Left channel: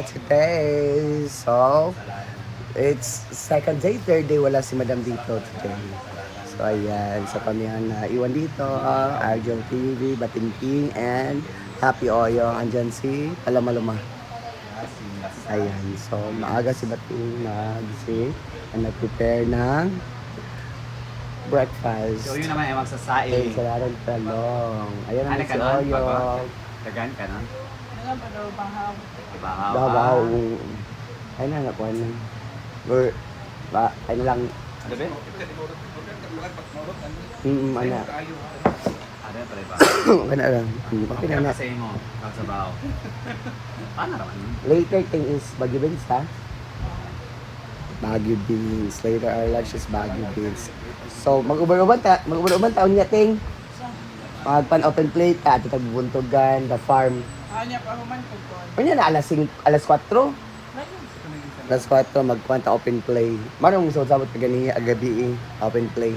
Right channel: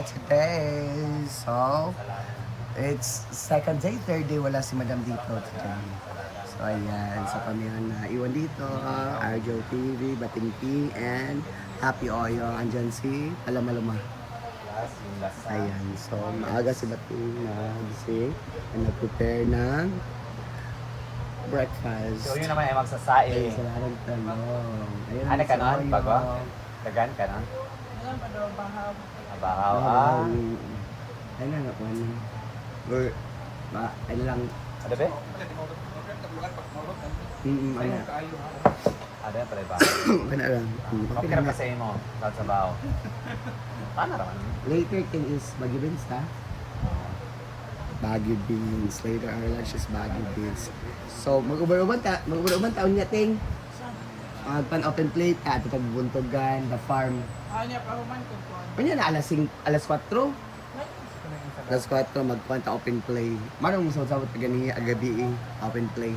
here today. So, it's second day, third day, wala si Madam dito today. So, ayan. So, kami ang naiwan dito. Arjun TV, Batingting, and Happy Oyo. Andyan si Palamaluma. Ayan. So, maaga si Bating na gising and nag-prepare ng breakfast. So yun naman ay magsasaing. Eh, salaran talong. Ayan naman Ano si ka nun? Oyo. Kagan ka na? Ano ba daw bahaw? Dabaw. Ay na, nakuha na. Or, ay na lang. Ano ba? Ano. Ano yan pala ba? Okay na lang. Okay na na. Kasi mo, kalsabaw. Paano lang? Later thing is Baguio Beans, ha? Baguio Beans. Later our lunch is Baguio Beans. So, mag-uban taon niya, ting. Mag-pan-open plate, ito tagbubuntugan, the farm. Niya pa human ko po. Ano na, alas 4? Alas 4, mag-kwanta open play. Marang mo sabot ka ganiya, agabi, open play.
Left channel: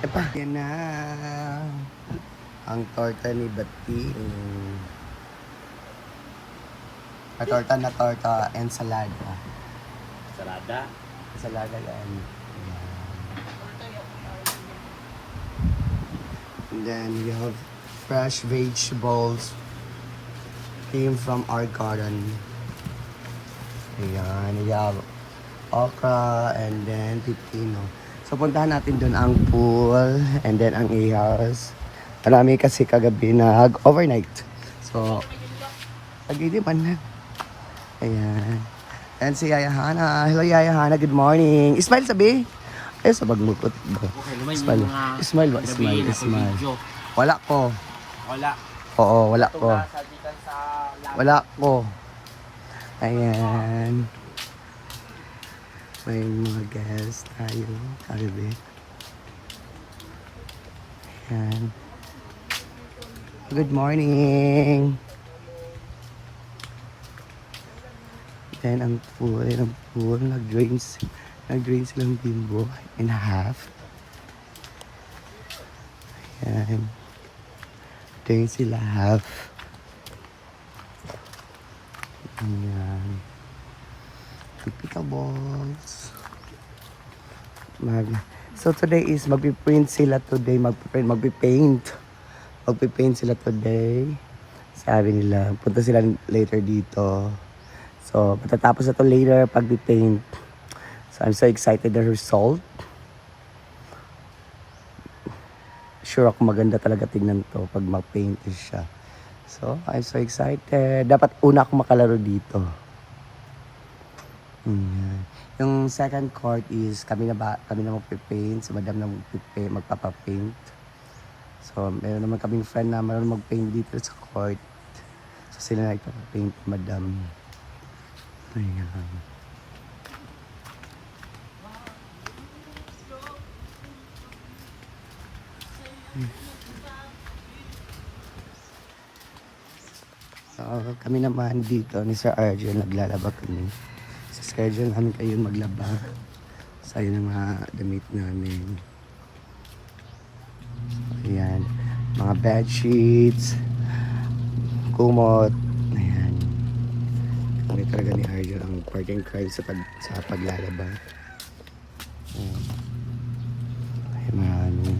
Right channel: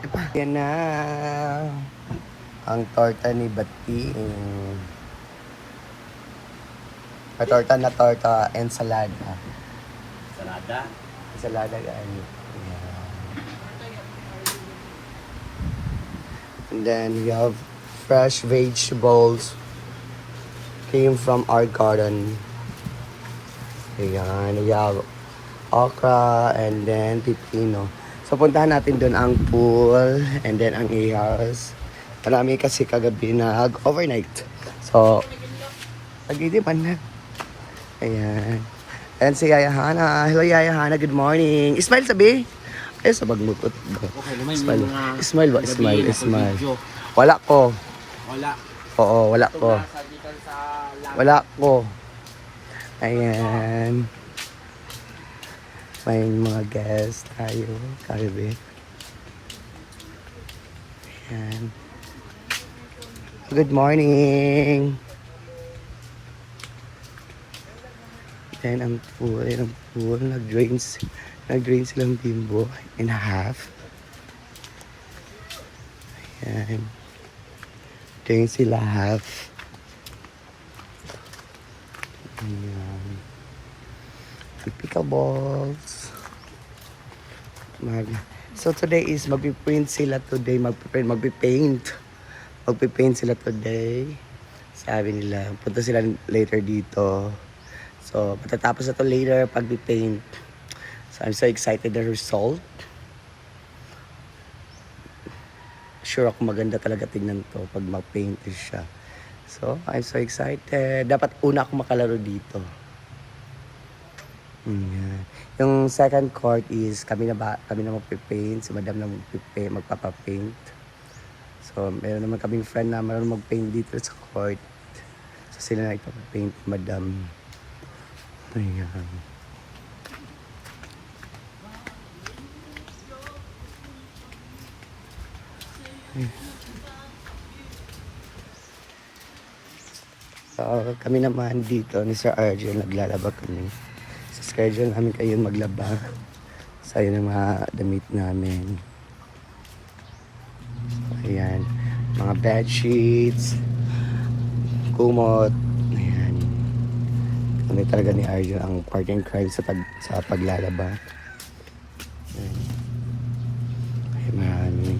Epa, yan na. Ang torta ni Bating. Torta na torta, ensalada. Salada. Ensalada yan. And then we have fresh vegetables came from our garden. Ayan, we have okra and then pipino. So puntahan natin doon ang pool and then ang ihas. Marami kasi kagabi nag-overnight. So, pag-idipan na. Ayan. And si Yaya Hana. Hello Yaya Hana, good morning. Smile sabi. Ay, sa bagmukot ba? Okay naman Smile. yung mga... Smile ba? Smile. Wala ko. Wala. Oo, wala ko. Sabitan sa laban. Wala ko. Ayan. May mga guests tayo. Karibe. Ayan. Good morning. Ayan ang pool. Nag-drain silang bimbo in half. Ayan. Drain sila half. Ayan. Pickleballs. So today is magpiprint sila today. Magpipaint sila today. Sabi nila, punta sila later dito. So, matatapos na to later pag-paint. So, I'm so excited the result. Sure ako maganda talaga tingnan to pag mag-paint siya. So, I'm so excited. Dapat una ako makalaro dito. Yan. Yung second court is kami na magpipaint. Si Madam na magpapapaint. So, meron naman kaming friend na marunong mag-paint dito sa court. So, sila na ipapapaint, Madam. Ayan. So, kami naman dito ni Sir Arjun, naglalaba kami. Sa schedule namin kayo maglaba. So, yun ang mga damit namin. So, ayan. Mga bed sheets, kumot. Ayan. Kami talaga ni Arjun ang partner in crime sa paglalaba. Ayan. Marami.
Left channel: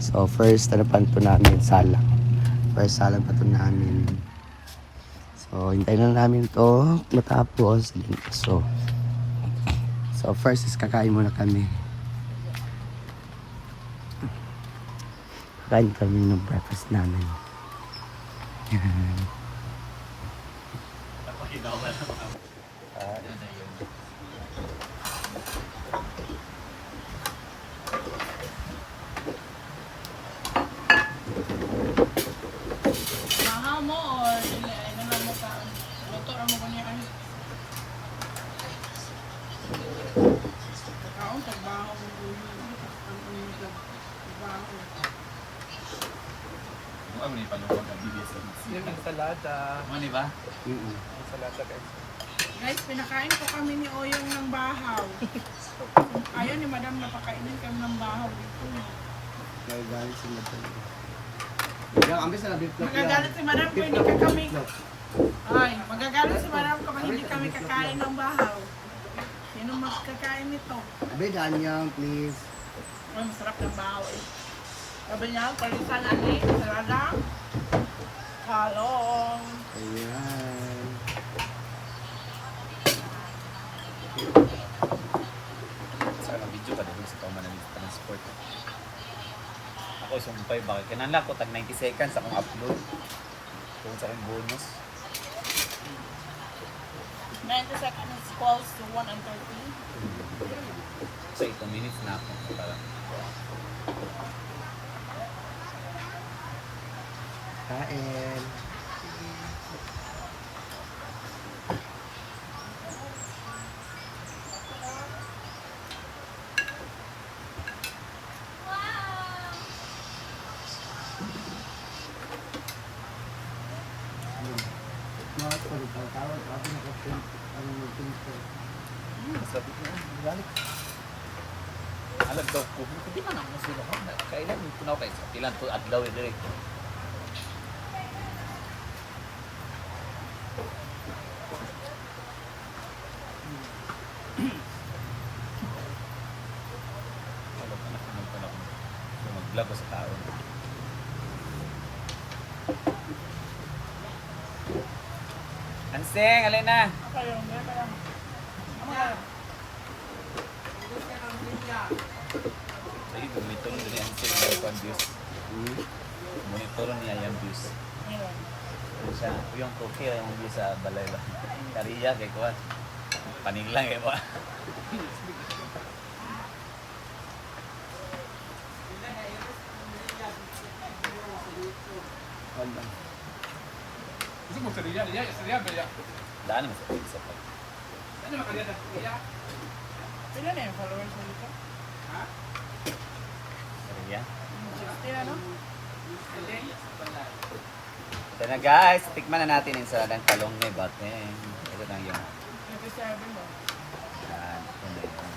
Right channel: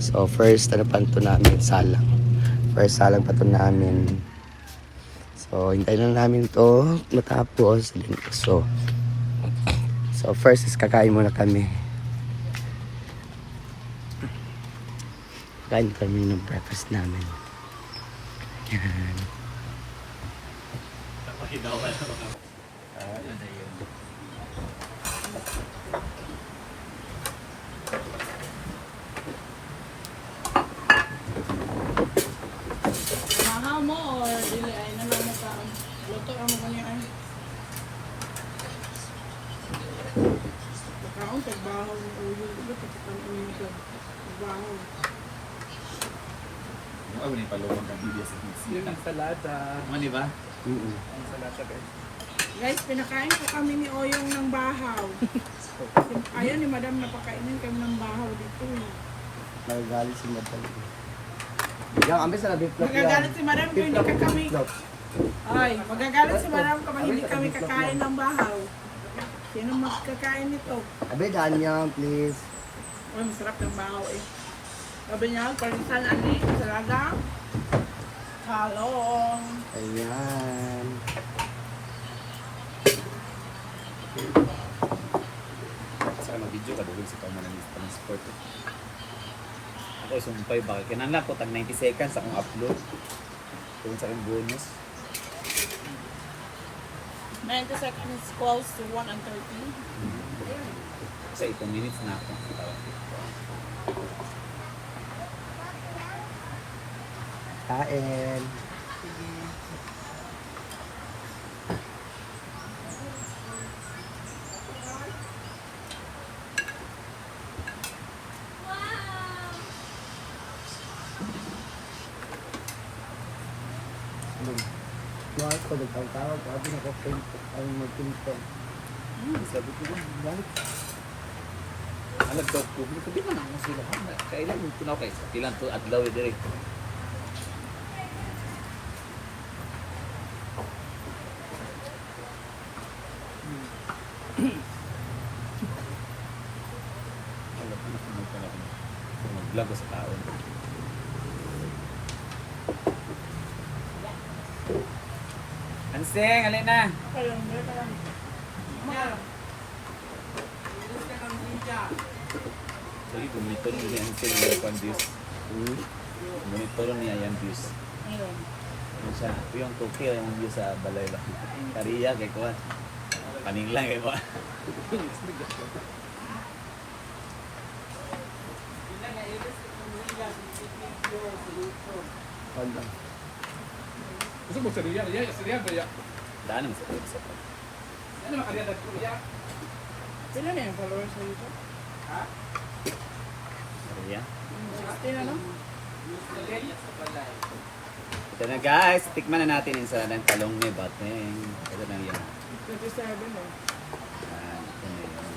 So, first, ano pa ito namin? Salang. First, salang pa ito namin. So, hintayin lang namin ito matapos. So, first is kakain muna kami. Kain kami ng breakfast namin. Yan. Bahaw mo or dili ay nalang mo ka. Luto mo ko niya ay. Kaon tagbahaw ni uyo. Luto ka mo niya tagbahaw. Ay, wala yung palumang ang BBS. Yung ensalada. Ano ba? Ensalada guys. Guys, pinakain ko kami ni Oyong ng bahaw. Ayaw ni Madam napakainin kami ng bahaw dito eh. Nagagalit si Madam. Yung ambes na beef flop yan. Magagalit si Madam kung hindi ka kami. Ay, magagalit si madam kapag hindi kami kakain ng bahaw. Sino magkakain nito? Abe, Danyang, please. Ay, masarap ng bahaw eh. Sabi niya, palitan ani, salada, halong. Ayan. Sa mga video ka dahil sa kaumanan ng transport. Ako sumpay bakit kinala ko tag 90 seconds akong upload. Kung sa aking bonus. 90 seconds equals to 1 and 30. Sa 8 minutes na ako. Kain. Mahal ko, nagtawag-tawag. Sabi na ko, ang mag-ping-pong. Sabi ko, galit. Alam daw ko, hindi ko din na ako sila. Kailan mo punaw kayo? Ilan to adlaw dire. Alam ko na kung magpanahon. Mag-vlog ko sa tao. Anseng, alin na. Okay lang, meron ka lang. Ano ka lang? Jadi monitor ni yang saya lakukan views. Monitor niya yang views. Meron. Siya, yung Tokyo yung views sa balay ba. Kariya kay ko. Paning lang kay mo. Hala. Gusto mo sa Riya, Riya ba ya? Daan sa ko. Ano makariya na ko ya? Pila na yung followers sa dito? Kariya. 16 na, no? Ito na guys, tikman na natin yung sa talong ni Batman. Ito na yan. 27 na. Yan, ito na yan.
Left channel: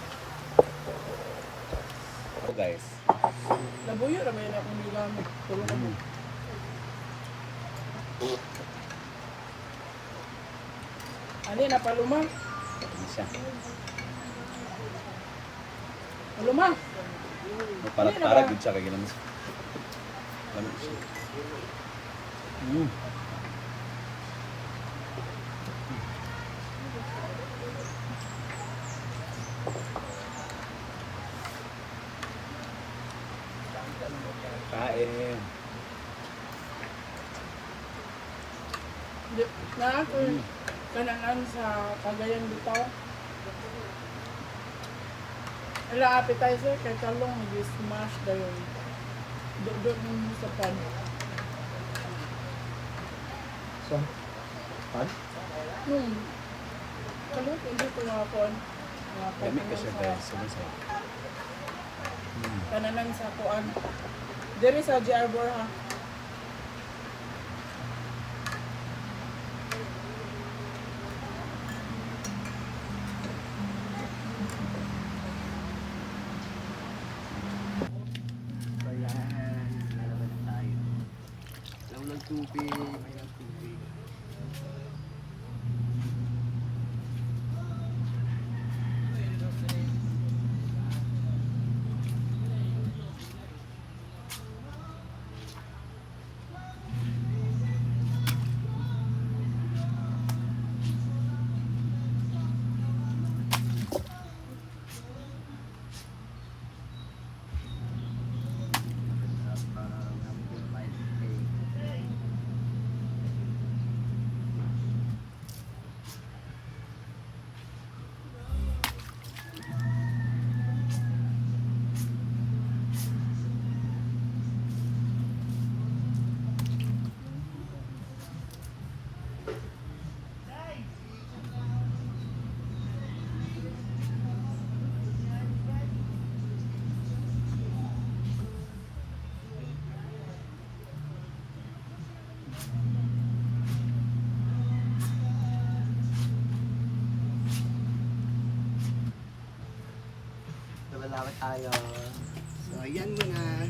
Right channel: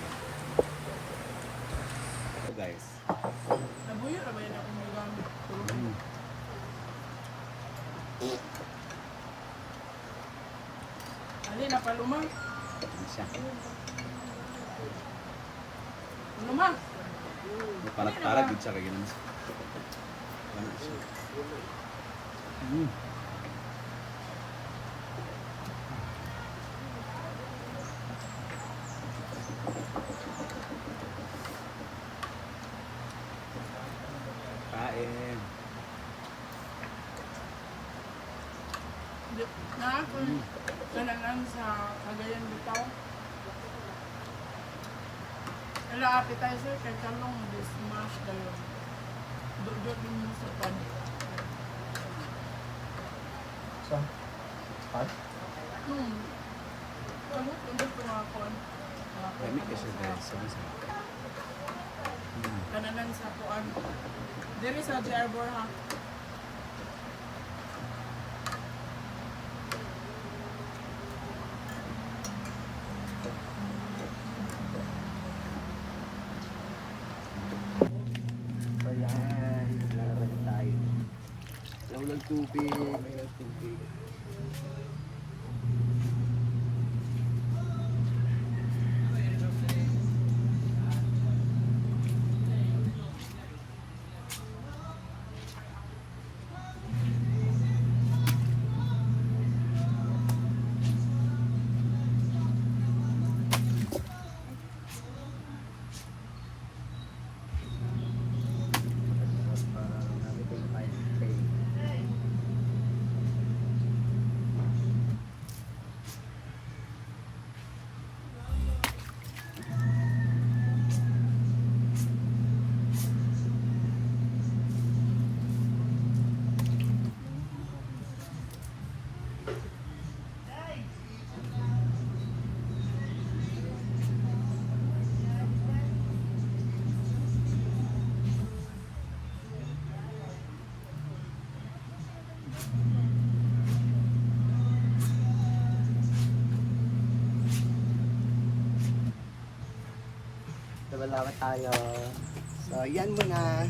Ito guys. Labuyo na ba yun akong nigamit? Tulong ka mo. Ali, napaluma. Ito siya. Paluma. Para din siya kaya naman. Alam mo siya. Kain mo yun. Na ako, nananan sa Cagayan bitaw. Ila appetizer kay talong di-smash dayon. Do mo sa pan. So, pan? Kalot, hindi ko mga kon. Mga Dami ko siya kananan guys. sa kananan sa kuan. Diri sa JR ha. Ayan. Lalaban na tayo. Walang tubig. May lang tubig. Everything fine. Okay. Laban tayo. So, yan muna.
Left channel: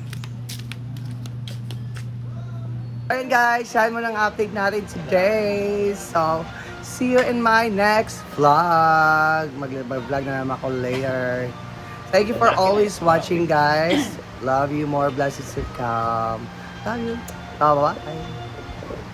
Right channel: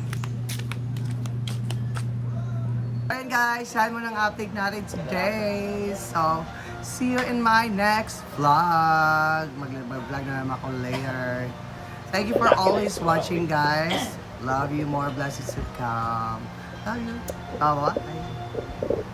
Ayun guys, yan mo ng update natin today. So, see you in my next vlog. Mag-vlog na naman ako later. Thank you for always watching guys. Love you, more blessings to come. Love you. Bye-bye.